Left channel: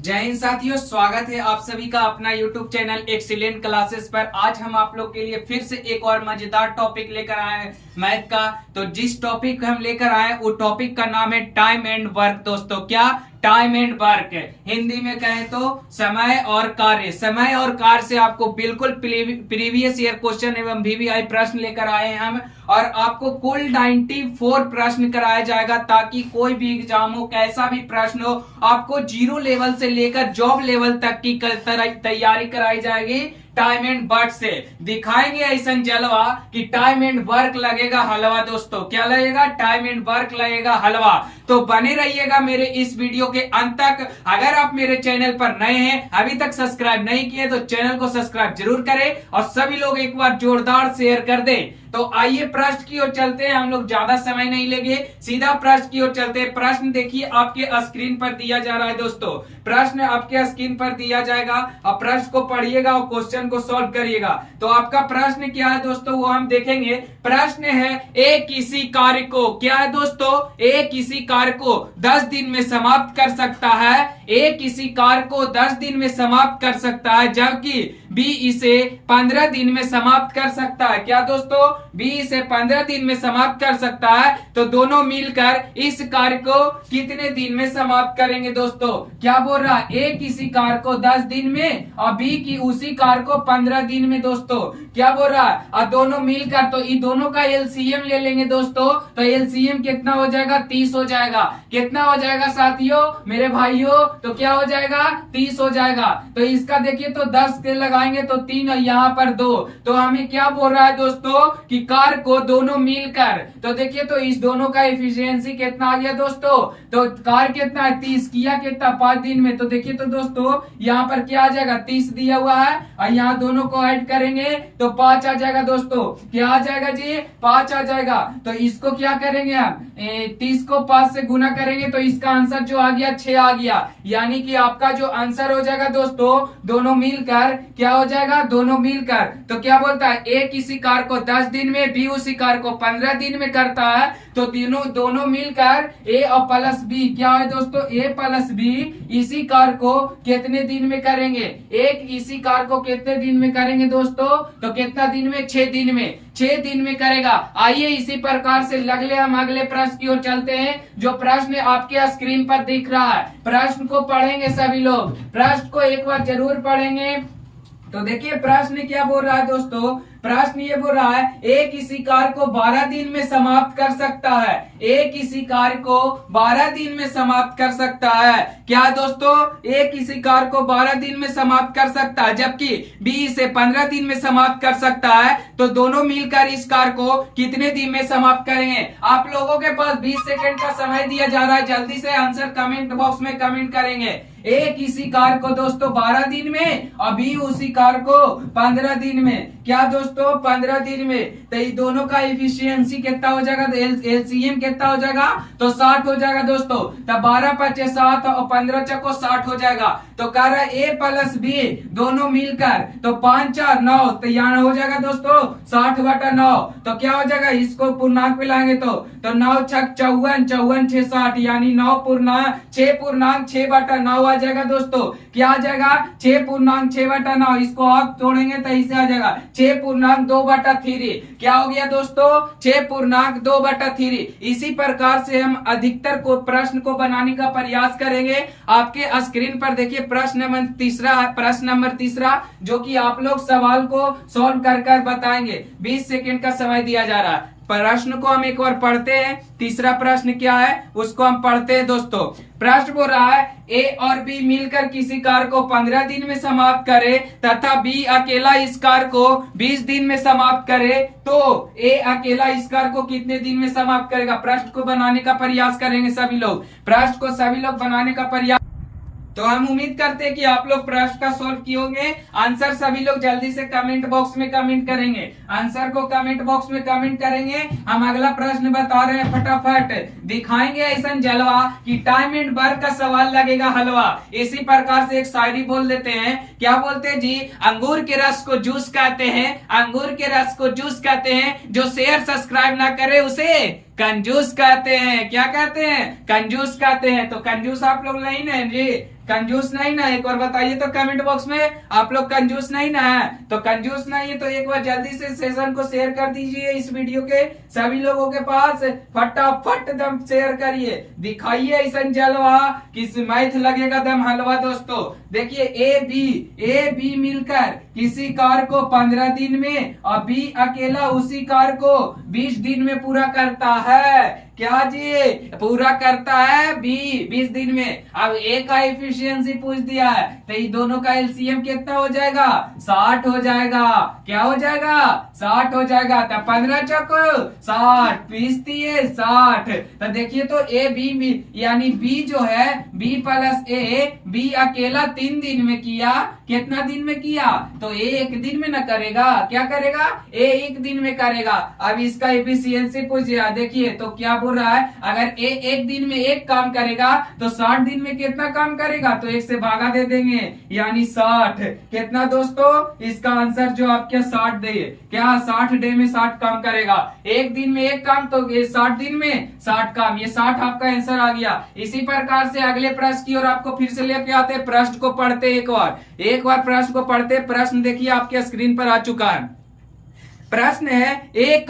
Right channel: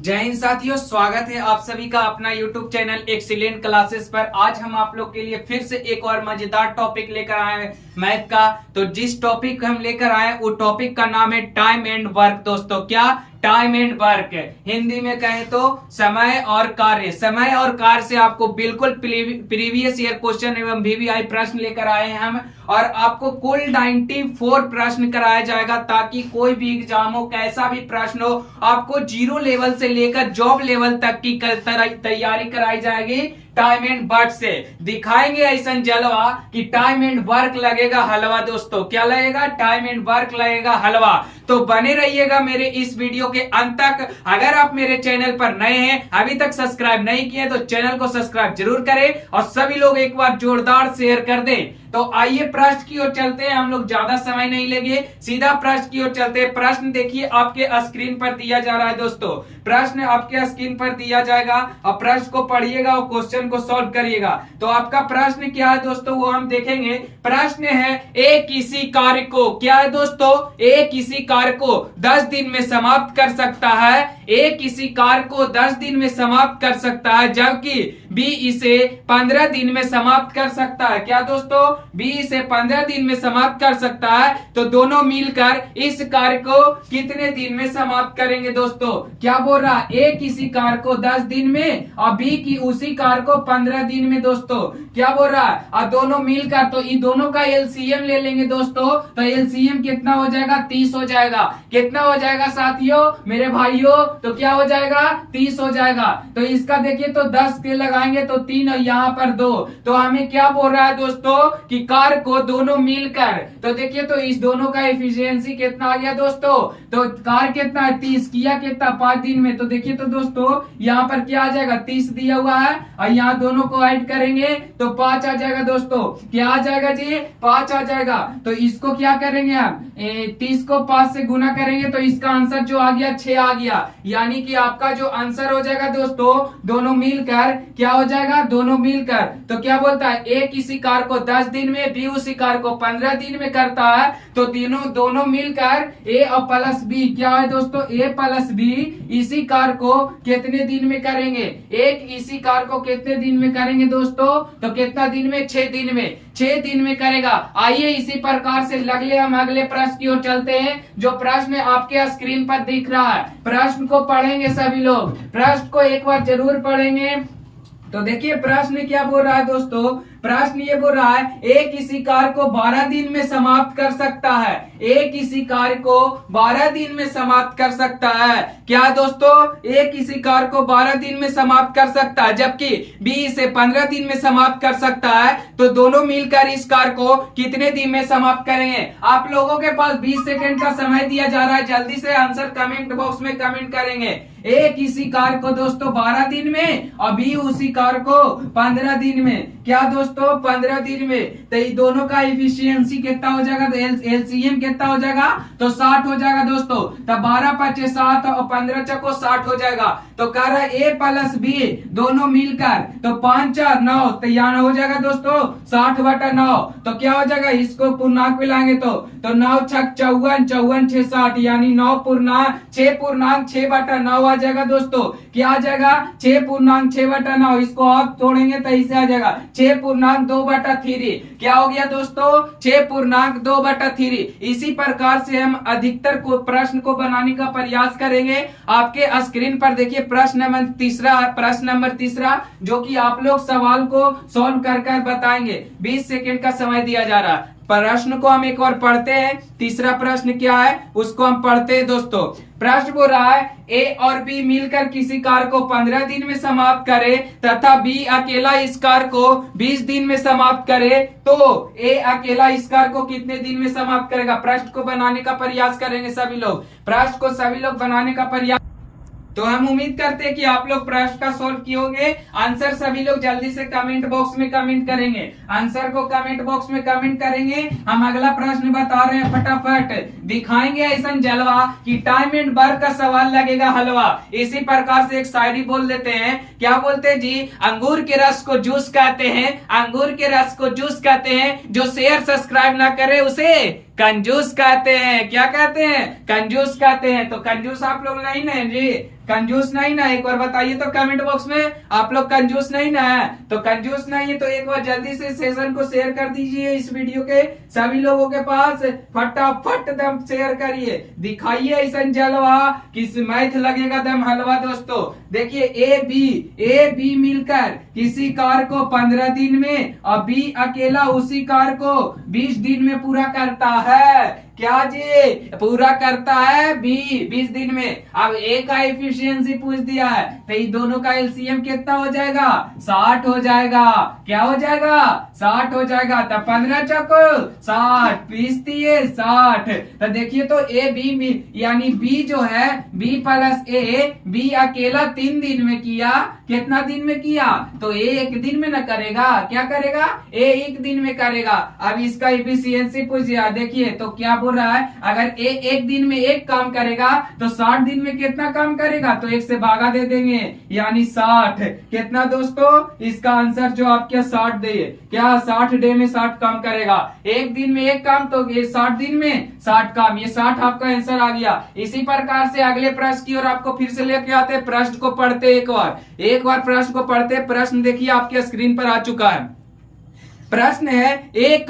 जय हिंद साथियों, स्वागत है आप सभी का अपना YouTube चैनल एक्सीलेंट क्लासेस पर। आज हम आप लोग के लिए फिर से एक और मजेदार टॉपिक लेकर आए हैं मैथ का। तो जिस टॉपिक हम लेकर आए वो टॉपिक का नाम है टाइम एंड वर्क। दोस्तों, क्या टाइम एंड वर्क है, हिंदी में कहें तो समय और कार्य। समय और कार्य से आपको बिल्कुल प्रीवियस ईयर क्वेश्चन एवं VVI प्रश्न लेकर आए हैं हम, और आपको कुल 94 प्रश्न कराया जाएगा, ताकि कोई भी एग्जाम हो, कैसा भी प्रश्न हो, आपको जीरो लेवल से लेकर जॉब लेवल तक की तैयारी कराई जाएगी टाइम एंड वर्क से। दिखाएंगे ऐसा जलवा कि टाइम एंड वर्क लगेगा हलवा। दोस्तों, क्या लगेगा? टाइम एंड वर्क लगेगा हलवा। तो बने रहिएगा मेरे इस वीडियो के अंत तक। अगर आप मेरे चैनल पर नए हैं, अभी तक सब्सक्राइब नहीं किए, तो चैनल को सब्सक्राइब जरूर करें और सभी लोग एक बार जोरदार शेयर कर दें। तो आइए प्रश्न की ओर चलते हैं, हम लोग ज्यादा समय नहीं लेंगे, सीधा प्रश्न की ओर चलते हैं। प्रश्न देखिए आपके स्क्रीन पर दिया जा रहा है। दोस्तों, प्रश्न आपके स्क्रीन पर दिया जाएगा और प्रश्न को पढ़िएगा और क्वेश्चन को सॉल्व करिएगा। तो आपका प्रश्न क्या है दोस्तों, वो हम देखेंगे। प्रश्न है, एक किसी कार्य को, क्या है दोस्तों, एक किसी कार्य को 10 दिन में समाप्त कर सकता है। ए किसी कार्य को 10 दिन में समाप्त कर सकता है, जबकि बी इसे 15 दिन में समाप्त कर सकता है। क्या दोस्तों? बी इसे 15 दिन में समाप्त कर सकता है। तो दोनों मिलकर इस कार्य को कितने दिन में समाप्त करेंगे? दोस्तों, क्या बोल रहा है? ए किसी कार्य को 10 दिन में और बी की उसी कार्य को 15 दिन में। दोस्तों, क्या बोल रहा है? और दोनों मिलकर, तो इन दोनों का एलसीएम ले लेंगे दोस्तों। तो एलसीएम कितना हो जाएगा? 30 हो जाएगा। कितना हो जाएगा साथियों, मेरे भाइयों? तो क्या हो जाएगा? 30 हो जाएगा। तो इसका देखिए, तो 10 के लगाएंगे तो 3 और यहाँ पर 2। तो हमें क्या बोल रहा है दोस्तों कि कार्य को दोनों मिलकर, तो देखिए तो इस दोनों का एफिशिएंसी कितना आ गया दोस्तों? तो कार्य कितना है? 30 किया कितना? 5 दिन में। तो देखिए तो दोस्तों यहाँ पर क्या आ जाएगा? 30 दिया हुआ है और यहाँ दोनों को ऐड करेंगे तो 5 आ जाएगा। दोस्तों, क्या आ जाएगा जी? 5 आ जाएगा। तो इसको क्या करेंगे हम? 30 को 5 से गुना करेंगे तो इसका आंसर जो आ गया 6 आ गया। यानी कि आपका जो आंसर हो जाएगा दोस्तों, दोनों मिलकर क्या हो जाएगा? दोनों मिलकर। तो क्या बोलता है? ए किसी कार्य को 10 दिन में, बी उसी कार्य को 15 दिन में करता है। तो दोनों मिलकर ए और प्लस बी क्या है दोस्तों? ए प्लस बी इसी कार्य को कितने दिन में करेंगे? एक इसी कार्य को कितने दिन में करेंगे दोस्तों? तो कितना दिन में? 6 दिन में। 6 दिन में करेगा। आइए इसी प्रकार से हम अगले प्रश्न की ओर चलते हैं, जो प्रश्न आपके स्क्रीन पर दिख रहा है। प्रश्न को पढ़ेंगे सभी लोग, प्रश्न को एक बार जरूर पढ़ेंगे। तो देखिए प्रश्न क्या बोल रहा है दोस्तों। प्रश्न ये बोल रहा है, एक इसी कार्य को 12 दिन में समाप्त कर सकता है। एक इसी कार्य को 12 दिन में समाप्त कर सकता है। क्या दोस्तों? एक इसी कार्य को 12 दिन में समाप्त कर सकता है, जबकि बी इसे 15 दिन में समाप्त कर सकता है। तो दोनों मिलकर इस कार्य को कितने दिन में समाप्त करेंगे? आप लोगों के पास 20 सेकंड का समय दिया जा रहा है, जल्दी से आंसर कमेंट बॉक्स में कमेंट करेंगे। एक इसी कार्य को दोस्तों 12 दिन में और बी उसी कार्य को 15 दिन में। क्या दोस्तों? 15 दिन में। तो ये दोनों का एफिशिएंसी कितना हो जाएगा? एलसीएम कितना हो जाएगा? तो 60 हो जाएगा दोस्तों। तब 12 5 7 और 15 चको 60 हो जाएगा। तो कह रहा है ए प्लस बी दोनों मिलकर, तो 5 4 9, तो यहाँ हो जाएगा दोस्तों 60/9। तो क्या हो जाएगा? इसको पूर्णांक में लाएंगे तो 9 6 54, 54 6 60, यानी 6 6/9 आ जाएगा दोस्तों। क्या आ जाएगा? 6/9। इसको आप तोड़ेंगे तो इसे आ जाएगा 6/2/3। क्या हो गया दोस्तों? 6/2/3। इसी प्रकार से हम अधिकतर को प्रश्न को बनाने का प्रयास करेंगे। आपके स्क्रीन पर देखिए प्रश्न नंबर तीसरा, जो कि आप लोग सवाल को सॉल्व कर बताएंगे। 20 सेकंड का समय दिया जा रहा है। प्रश्न को हम एक और पढ़ते हैं। तीसरा प्रश्न क्या है उसको हम पढ़ते हैं दोस्तों। प्रश्न बोल रहा है, ए और बी मिलकर किसी कार्य को 15 दिन में समाप्त करे तथा बी अकेला इस कार्य को 20 दिन में समाप्त करे, तो ए अकेला इस कार्य को कितने दिन में समाप्त करेगा? प्रश्न को बनाने का प्रयास करेंगे सभी लोग। प्रश्न को सभी लोग बनाने का प्रयास। तो हम उम्मीद करते हैं कि आप लोग प्रश्न का सॉल्व किए होंगे। आंसर सभी लोग जल्दी से कमेंट बॉक्स में कमेंट करेंगे। आंसर को कमेंट बॉक्स में कमेंट करेंगे। हम अगला प्रश्न बता रहे हैं, फटाफट दिखाएंगे ऐसा जलवा कि टाइम एंड वर्क का सवाल लगेगा हलवा। इसी प्रकार से एक शायरी बोल देते हैं। क्या बोलते हैं जी? अंगूर के रस को जूस कहते हैं, अंगूर के रस को जूस कहते हैं, जो शेयर सब्सक्राइब ना करे उसे कंजूस कहते हैं। क्या कहते हैं? कंजूस कहते हैं। तो कंजूस आप लोग नहीं ना जी, कंजूस नहीं ना, एक बार बताइए तो कमेंट बॉक्स में, आप लोग कंजूस नहीं ना है? तो कंजूस नहीं है तो एक बार जल्दी से सेशन को शेयर कर दीजिए इस वीडियो के सभी लोगों के पास, फटाफट दम शेयर करिए, दिखाइए ऐसा जलवा किस मैथ लगेगा दम हलवा दोस्तों। देखिए ए बी मिलकर किसी कार को 15 दिन में और बी अकेला उसी कार को 20 दिन में पूरा करता है। क्या जी? पूरा करता है बी 20 दिन में। अब ए का एफिशिएंसी पूछ दिया है तो ये दोनों का एलसीएम कितना हो जाएगा? 60 हो जाएगा। क्या हो जाएगा? 60 हो जाएगा। तब 15 चौको 60, 20 दिए 60। तो देखिए तो ए बी यानी बी जो है बी प्लस ए, बी अकेला 3 दिन में किया, कितना दिन में किया? तो ए 1 दिन में न करेगा, क्या करेगा? ए 1 दिन में करेगा। अब इसका एफिशिएंसी पूछ दिया, देखिए तो क्या बोल रहा है, अगर ए 1 दिन में 1 काम करेगा तो 60 दिन में कितना काम करेगा? तो 1 से भागा दे देंगे यानी 60। कितना दोस्तों? इसका आंसर जो आपके 60 दे, क्या 60 डे में 60 काम करेगा? 1 दिन में 1 काम तो ये 60 दिन में 60 काम, ये 60 आपका आंसर आ गया। इसी प्रकार से अगले प्रश्न की ओर आपको फिर से लेके आते हैं। प्रश्न को पढ़ते एक बार प्रश्न को पढ़ते। प्रश्न देखिए आपके स्क्रीन पर आ चुका है। प्रश्न है ए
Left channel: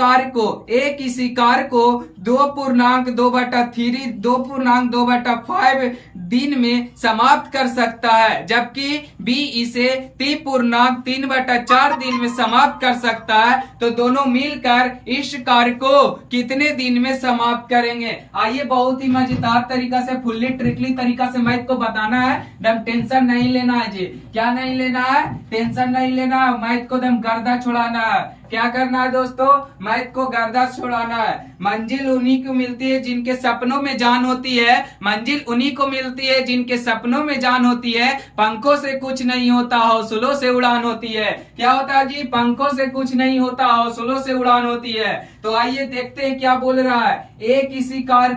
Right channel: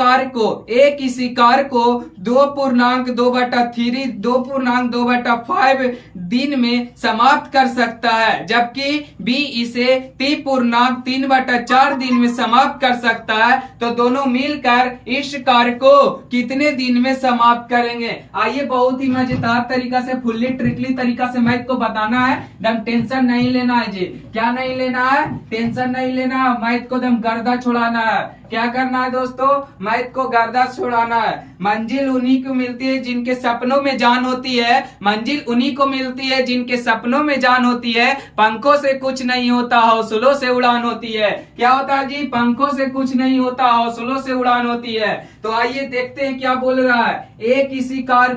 किसी कार को 2.2/5 दिन में समाप्त कर सकता है, जबकि बी इसे 3.4 दिन में समाप्त कर सकता है। तो दोनों मिलकर इस कार को कितने दिन में समाप्त करेंगे? आइए बहुत ही मजेदार तरीका से, फुल्ली ट्रिकली तरीका से मैथ को बताना है। दम टेंशन नहीं लेना है जी। क्या नहीं लेना है? टेंशन नहीं लेना है। मैथ को दम गर्दा छुड़ाना है। क्या करना है दोस्तों? मैथ को गर्दा छुड़ाना है। मंजिल उन्हीं को मिलती है जिनके सपनों में जान होती है। मंजिल उन्हीं को मिलती है जिनके सपनों में जान होती है। पंखों से कुछ नहीं होता, हौसलों से उड़ान होती है। क्या होता है जी? पंखों से कुछ नहीं होता, हौसलों से उड़ान होती है। तो आइए देखते हैं क्या बोल रहा है। ए किसी कार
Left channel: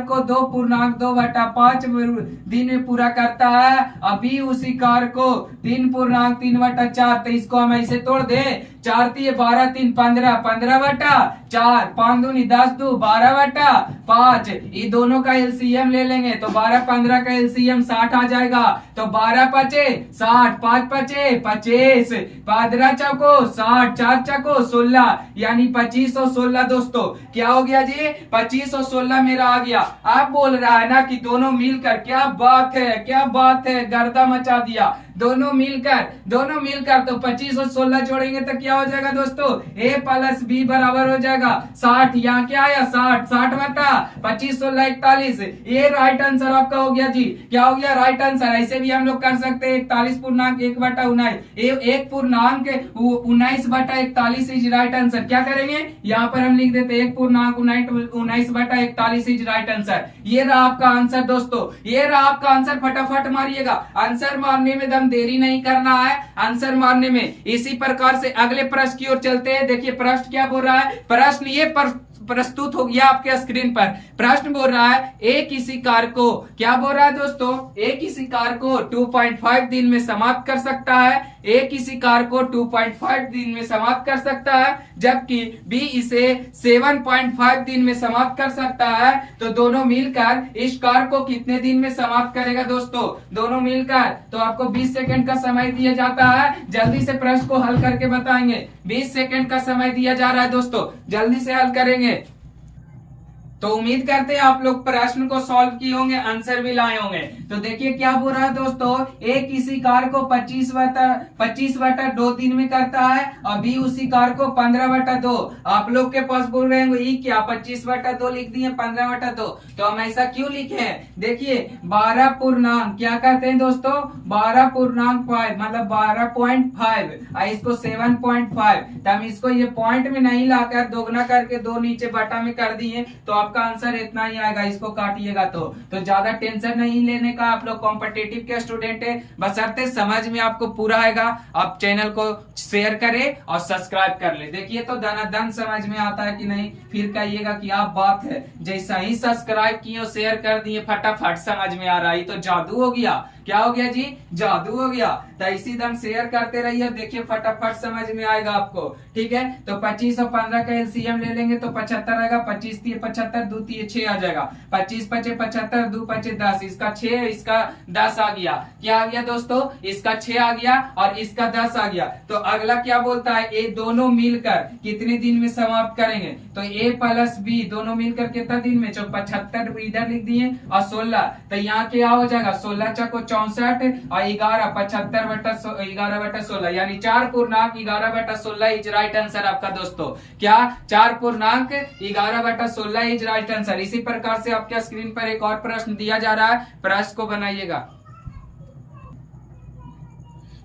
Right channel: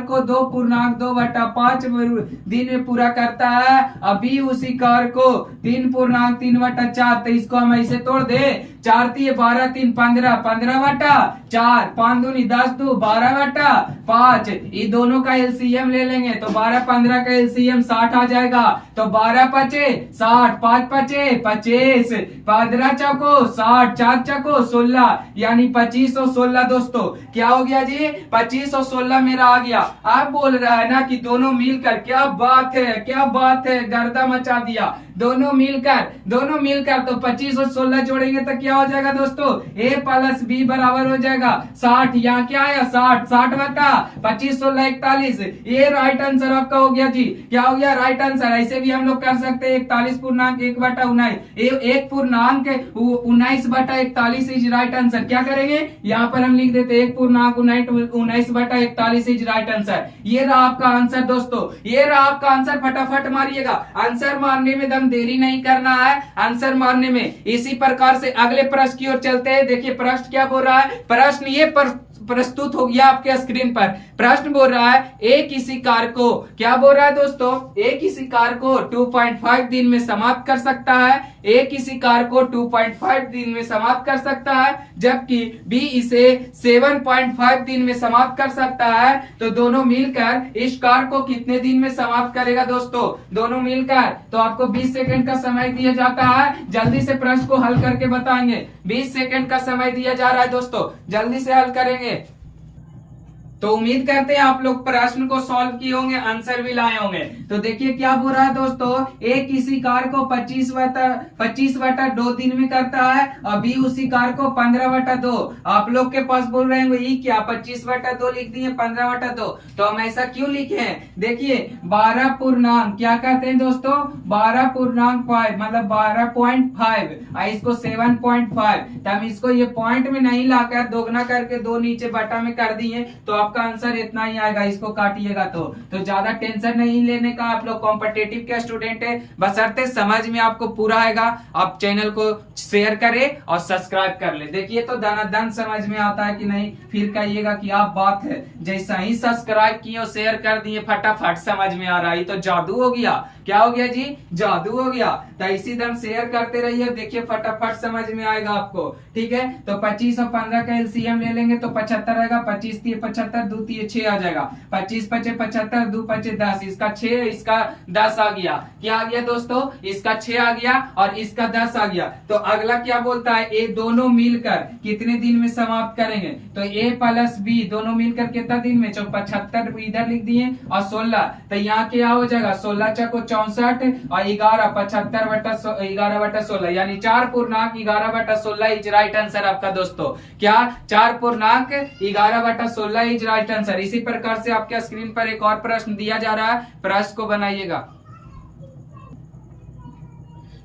को 2.2/5 दिन में पूरा करता है, अभी उसी कार को 3.3/4। तो इसको हम ऐसे तोड़ दे, 4 3 12 3 15, 15/4, 5 दूनी 10, 2 12/5। ये दोनों का एलसीएम ले लेंगे तो 12 15 का एलसीएम 60 आ जाएगा। तो 12 5 60, 5 5 25, 15 चौको 60, 4 चौको 16 यानी 25 और 16 दोस्तों क्या हो गया जी? 25 और 16 मेरा आ गया। आप बोल रहा है ना कि दोनों मिलकर, क्या बात है, क्या बात है, गर्दा मचा दिया। दोनों मिलकर तो 25 और 16 जोड़ेंगे तो क्या हो जाएगा दोस्तों? ए प्लस बी बराबर हो जाएगा 60। यहाँ क्या आया? 60 बटा 25 16 41। ये राइट आंसर आपका हो गया जी। क्या हो गया? Right answer. ऐसे भी हम लोग कर सकते हैं 41.1/19, 1.19/41 इज राइट आंसर। क्या करेंगे? यहाँ पर हम लिख देते 1.19/41 इज राइट आंसर। ये रहा आपका आंसर दोस्तों, ये रहा आपका आंसर। फटाफट मारिएगा। आंसर मारने में देरी नहीं करना है, आंसर मारने में। इसी प्रकार से अगले प्रश्न की ओर चलते हैं। देखिए प्रश्न क्या बोल रहा है। प्रश्न ये प्रस्तुत हो गया आपके स्क्रीन पर। प्रश्न बोल रहा है ए किसी कार को, क्या बोल रहा है दोस्तों? ए किसी कार को 2.5 दिन में समाप्त कर सकता है। ए किसी कार को 2.5 दिन में समाप्त कर सकता है, जबकि बी इसे 7.5 दिन में समाप्त कर सकता है। तो दोनों मिलकर इस कार को कितने दिन में समाप्त करेगा दोस्तों? दोनों मिलकर। तो आपको 20 सेकंड का समय दिया जाता है, जल्दी से प्रश्न को हल करके बताएंगे। 20 सेकंड का समय दिया जा रहा है दोस्तों, जल्दी से हल करेंगे। तो उम्मीद करते हैं आप लोग प्रश्न को सॉल्व किए होंगे, आंसर भी लाए होंगे। तो देखिए क्या बोल रहा है दोस्तों। ए किसी कार को 25/2 दिन में करता है और बी उसी कार को 15/2। आप लोग के पास बोल रहे हैं ये क्या 25/2 लिख दिए 15/2। तो हम ऐसा क्यों लिखे हैं? देखिए 12 पूर्णांक क्या कहते हैं दोस्तों? 12.5 मतलब 12.5, इसको 7.5। तो हम इसको ये पॉइंट में नहीं लाकर दोगुना करके 2 नीचे बटा में कर दिए। तो आप आपका आंसर इतना ही आएगा, इसको काटिएगा तो ज्यादा टेंशन नहीं लेने का। आप लोग कॉम्पिटिटिव के स्टूडेंट है, बशर्ते समझ में आपको पूरा आएगा। आप चैनल को शेयर करें और सब्सक्राइब कर ले। देखिए तो धनाधन समझ में आता है कि नहीं, फिर कहिएगा कि आप बात है। जैसा ही सब्सक्राइब किए और शेयर कर दिए फटाफट समझ में आ रहा है, तो जादू हो गया। क्या हो गया जी? जादू हो गया। तो इसी दम शेयर करते रहिए, देखिए फटाफट समझ में आएगा आपको। ठीक है, तो 25 और 15 का एलसीएम ले लेंगे तो 75 आएगा। 25 3 75, 2 3 6 आ जाएगा। 25 5 75, 2 5 10, इसका 6, इसका 10 आ गया। क्या आ गया दोस्तों? इसका 6 आ गया और इसका 10 आ गया। तो अगला क्या बोलता है? ए दोनों मिलकर कितने दिन में समाप्त करेंगे? तो ए प्लस बी दोनों मिलकर कितना दिन में? 75 इधर लिख दिए और 16, तो यहाँ क्या हो जाएगा? 16 चको 64 और 11 75/11/16, यानी 4.11/16 इज राइट आंसर आपका दोस्तों। क्या? 4.11/16 इज राइट आंसर। इसी प्रकार से आपके स्क्रीन पर एक और प्रश्न दिया जा रहा है, प्रश्न को बनाइएगा।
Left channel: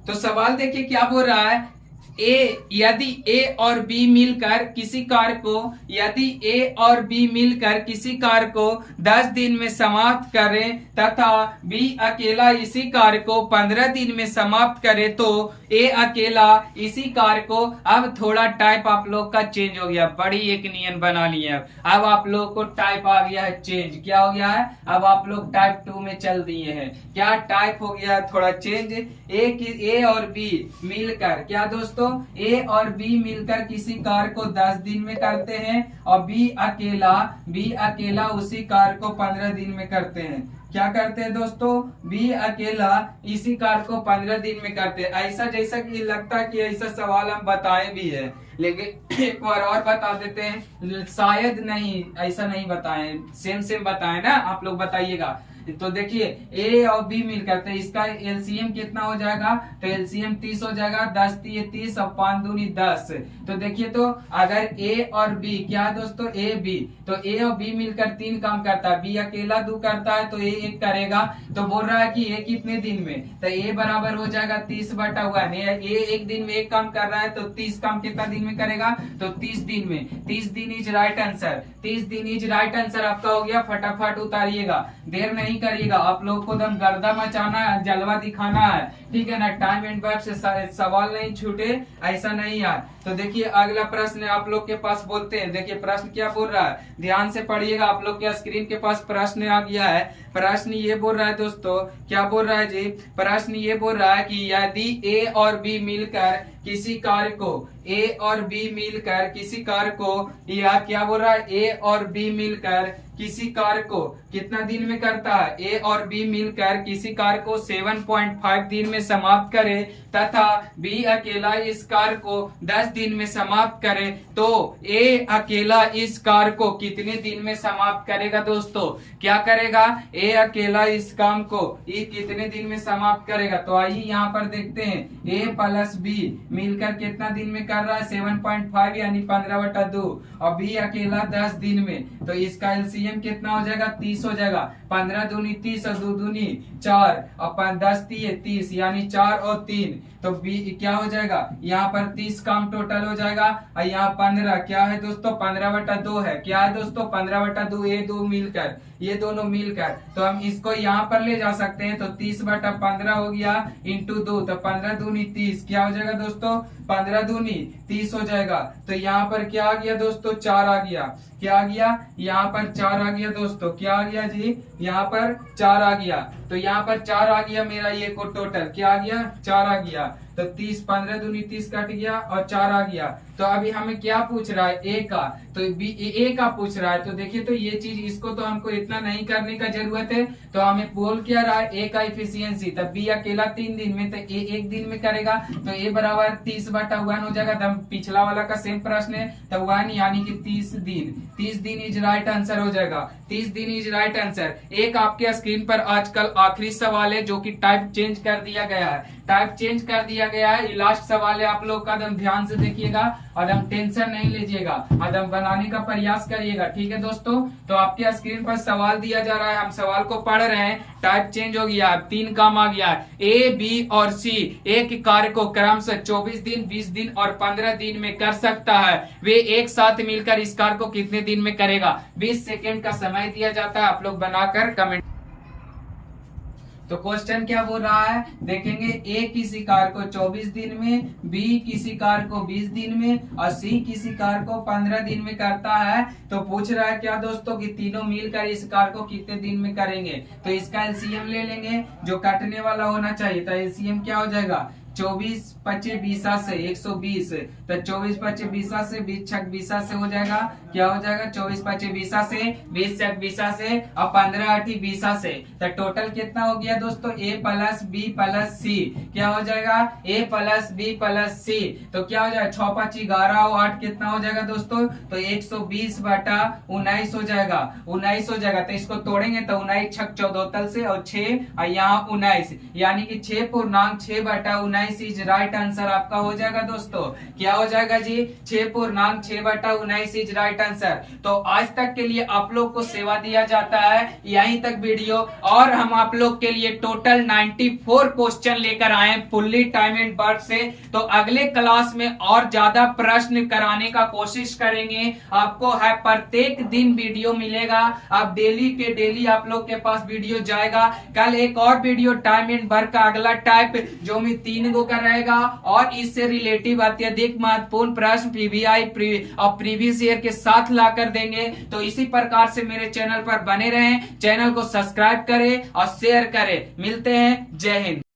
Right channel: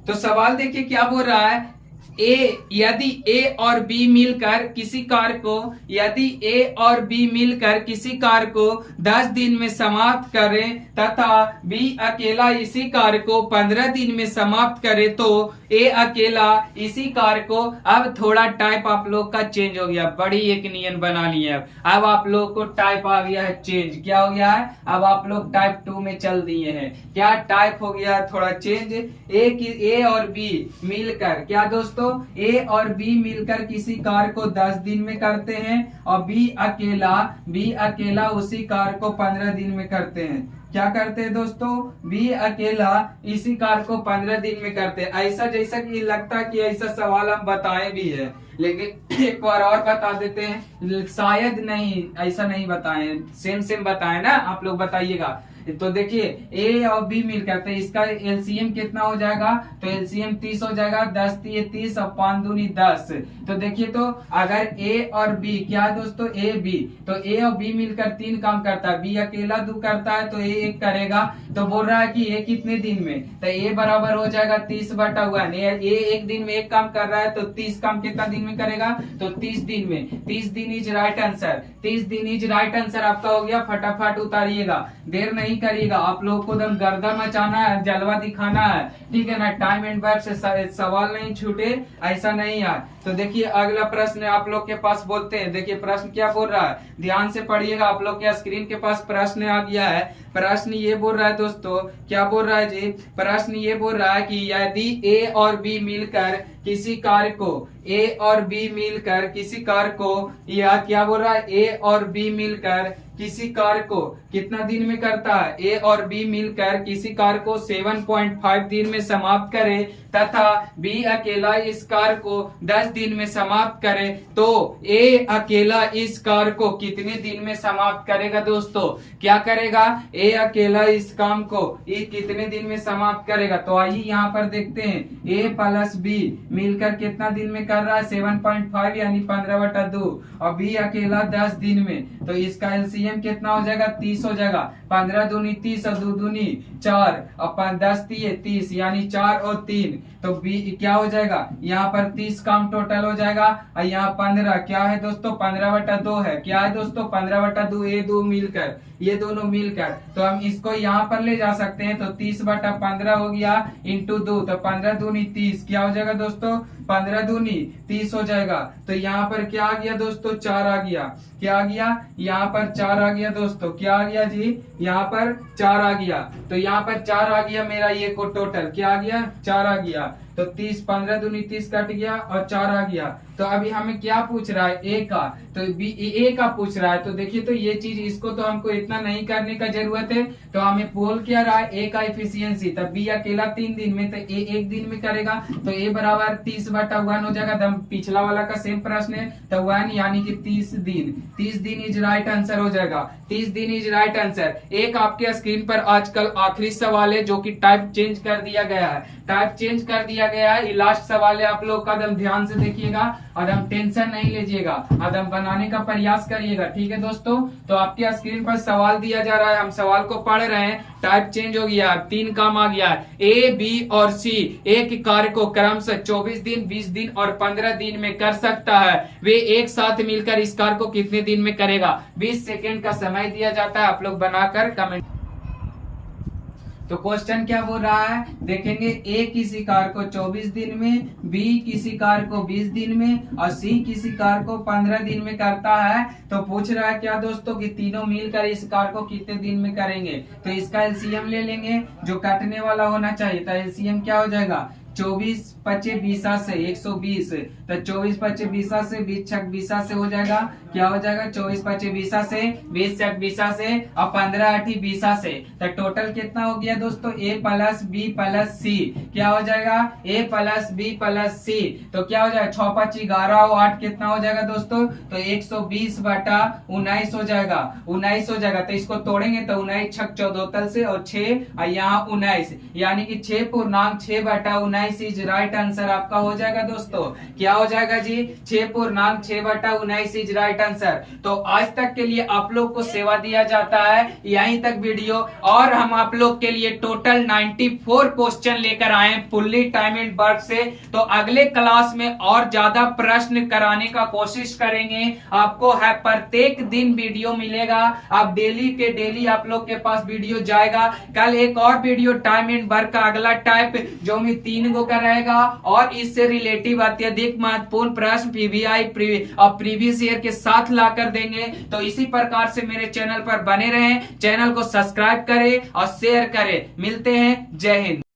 तो सवाल देखिए क्या बोल रहा है। यदि ए और बी मिलकर किसी कार्य को, यदि ए और बी मिलकर किसी कार्य को 10 दिन में समाप्त करें तथा बी अकेला इसी कार्य को 15 दिन में समाप्त करे, तो ए अकेला इसी कार्य को, अब थोड़ा टाइप आप लोग का चेंज हो गया, बड़ी एक नियम बना लिए। अब आप लोग को टाइप आ गया है चेंज। क्या हो गया है? अब आप लोग टाइप 2 में चल दिए हैं। क्या टाइप हो गया है? थोड़ा चेंज। ए और बी मिलकर, क्या दोस्तों? ए और बी मिलकर किसी कार्य को 10 दिन में करते हैं और बी अकेला उसी कार्य को 15 दिन में करते हैं। क्या करते हैं दोस्तों? बी अकेला इसी कार्य को 15 दिन में करते हैं। ऐसा जैसा कि लगता है कि ऐसा सवाल हम बताए भी है, लेकिन एक बार और बता देते हैं, शायद नहीं ऐसा नहीं बताए, सेम बताए ना, आप लोग बताइएगा। तो देखिए ए और बी मिलकर, तो इसका एलसीएम कितना हो जाएगा? तो एलसीएम 30 हो जाएगा। 10 3 30 और 5 दूनी 10। तो देखिए तो अगर ए और बी, क्या दोस्तों? ए बी, तो ए और बी मिलकर 3 काम करता है, बी अकेला 2 करता है, तो ए 1 करेगा। तो बोल रहा है कि ए कितने दिन में? तो ए बराबर हो जाएगा 30/1। ए 1 दिन में 1 काम कर रहा है, तो 30 काम कितना दिन में करेगा? तो 30 दिन में। 30 दिन इज राइट आंसर। 30 दिन इज राइट आंसर आपका हो गया। फटाफट उतारिएगा, देर नहीं करिएगा। आप लोगों को दम गर्दा मचाना है, जलवा दिखाना है, ठीक है ना। टाइम एंड वर्क से सवाल नहीं छूटे, ऐसा नहीं यार। तो देखिए अगला प्रश्न आप लोग के पास बोलते हैं। देखिए प्रश्न क्या बोल रहा है, ध्यान से पढ़िएगा। आप लोग के स्क्रीन के पास प्रश्न आ गया है। प्रश्न ये बोल रहा है दोस्तों, क्या बोल रहा है जी? प्रश्न ये बोल रहा है कि यदि ए और बी मिलकर किसी कार्य को, ए और बी मिलकर किसी कार्य को, या क्या बोल रहा है? ए और बी मिलकर किसी कार्य को कितना दिन में करता है? ए और बी मिलकर किसी कार्य को 7.5 दिन में समाप्त करे तथा बी अकेला इस कार्य को 10 दिन में समाप्त करे, तो ए अकेला इस कार्य को कितने दिन में समाप्त करेगा दोस्तों? क्या करेगा? ए अकेला इस काम को ये कितने दिन में समाप्त करेगा? तो आइए यहाँ पर देखते हैं। ए प्लस बी मिलकर कितना दिन में कर रहा है? 7.5 यानी 15/2 और बी अकेला 10 दिन में। तो इसका एलसीएम कितना हो जाएगा? 30 हो जाएगा। 15 दूनी 30 और 2 दूनी 4 और 10 30 यानी 4 और 3, तो बी क्या हो जाएगा? यहाँ पर 30 काम टोटल हो जाएगा और यहाँ 15 क्या है दोस्तों? 15/2 है। क्या है दोस्तों? 15/2। ये 2 मिलकर, ये दोनों मिलकर, तो हम इसको यहाँ पर ले जा सकते हैं। तो 30/15 हो गया इंटू 2, तो 15 दूनी 30। क्या हो जाएगा दोस्तों? 15 दूनी 30 हो जाएगा। तो यहाँ पर क्या आ गया दोस्तों? 4 आ गया। क्या आ गया? यहाँ पर 4 आ गया दोस्तों। क्या आ गया जी? यहाँ पर 4 आ गया। तो यहाँ पर 4 आ गया मेरा, ये को टोटल क्या आ गया? 4 आ गया। तो 30, 15 दूनी 30 कट गया और 4 आ गया। तो अभी हमें क्या पूछ रहा है? ए का, तो बी ए का पूछ रहा है। तो देखिए तो ये चीज, इसको तो हमको इतना नहीं करने का जरूरत है। तो हमें बोल क्या रहा है? ए का इफिशियंसी, तब बी अकेला 3 दिन में, तो ए 1 दिन में करेगा। तो ए बराबर 30/1 हो जाएगा। तो पिछला वाला का सेम प्रश्न है, तो 1 यानी कि 30 दिन। 30 दिन इज राइट आंसर हो जाएगा। 30 दिन इज राइट आंसर। एक आपके स्क्रीन पर आजकल आखिरी सवाल है जो कि टाइप चेंज कर दिया गया है। टाइप चेंज कर दिया गया है। लास्ट सवाल है आप लोग का, ध्यान से देखिएगा एकदम टेंशन नहीं लीजिएगा, एकदम बनाने का प्रयास करिएगा। ठीक है दोस्तों, तो आपके स्क्रीन पर सवाल दिया जा रहा है, हम सवाल को पढ़ रहे हैं। टाइप चेंज हो गया है, 3 काम आ गया है। ए, बी और सी एक कार्य को क्रमशः 24 दिन, 20 दिन और 15 दिन में कर सकता है। वे एक साथ मिलकर इस कार्य को कितने दिन में करेगा? 20 सेकेंड का समय दिया जाता है, आप लोग बनाकर कमेंट। तो क्वेश्चन क्या बोल रहा है देखेंगे। ए किसी कार्य को 24 दिन में, बी किसी कार्य को 20 दिन में और सी किसी कार्य को 15 दिन में करता है। तो पूछ रहा है क्या दोस्तों कि तीनों मिलकर इस कार्य को कितने दिन में करेंगे। तो इसका एलसीएम ले लेंगे, जो काटने वाला होना चाहिए। तो एलसीएम क्या हो जाएगा? 24 25 20 से 120। तो 24 25 20 से 20 छक 20 से हो जाएगा। क्या हो जाएगा? 24 25 20 से 20 छक 20 से और 15 8 20 से। तो टोटल कितना हो गया दोस्तों? ए प्लस बी प्लस सी। क्या हो जाएगा? ए प्लस बी प्लस सी। तो क्या हो जाएगा? 6 5 11 और 8 कितना हो जाएगा दोस्तों? तो 120 बटा 19 हो जाएगा। 19 हो जाएगा। तो इसको तोड़ेंगे तो 19 छक 14 से और 6 और यहाँ 19, यानी कि 6 बटा 19 इज राइट आंसर आपका हो जाएगा दोस्तों। क्या हो जाएगा जी? 6 बटा 19 इज राइट आंसर। तो आज तक के लिए आप लोग को सेवा दिया जाता है यहीं तक वीडियो, और हम आप लोग के लिए टोटल 94 क्वेश्चन लेकर आए फुल्ली टाइम एंड वर्क से। तो अगले क्लास में और ज्यादा प्रश्न कराने का कोशिश करेंगे। आपको है प्रत्येक दिन वीडियो मिलेगा, आप डेली के डेली आप लोग के पास वीडियो जाएगा। कल एक और वीडियो टाइम एंड वर्क का अगला टाइप जो मैं 3 का रहेगा, और इससे रिलेटिव अत्यधिक महत्वपूर्ण प्रश्न पीवीआई और प्रीवियस ईयर के साथ लाकर देंगे। तो इसी प्रकार से मेरे चैनल पर बने रहें, चैनल को सब्सक्राइब करें और शेयर करें। मिलते हैं, जय हिंद।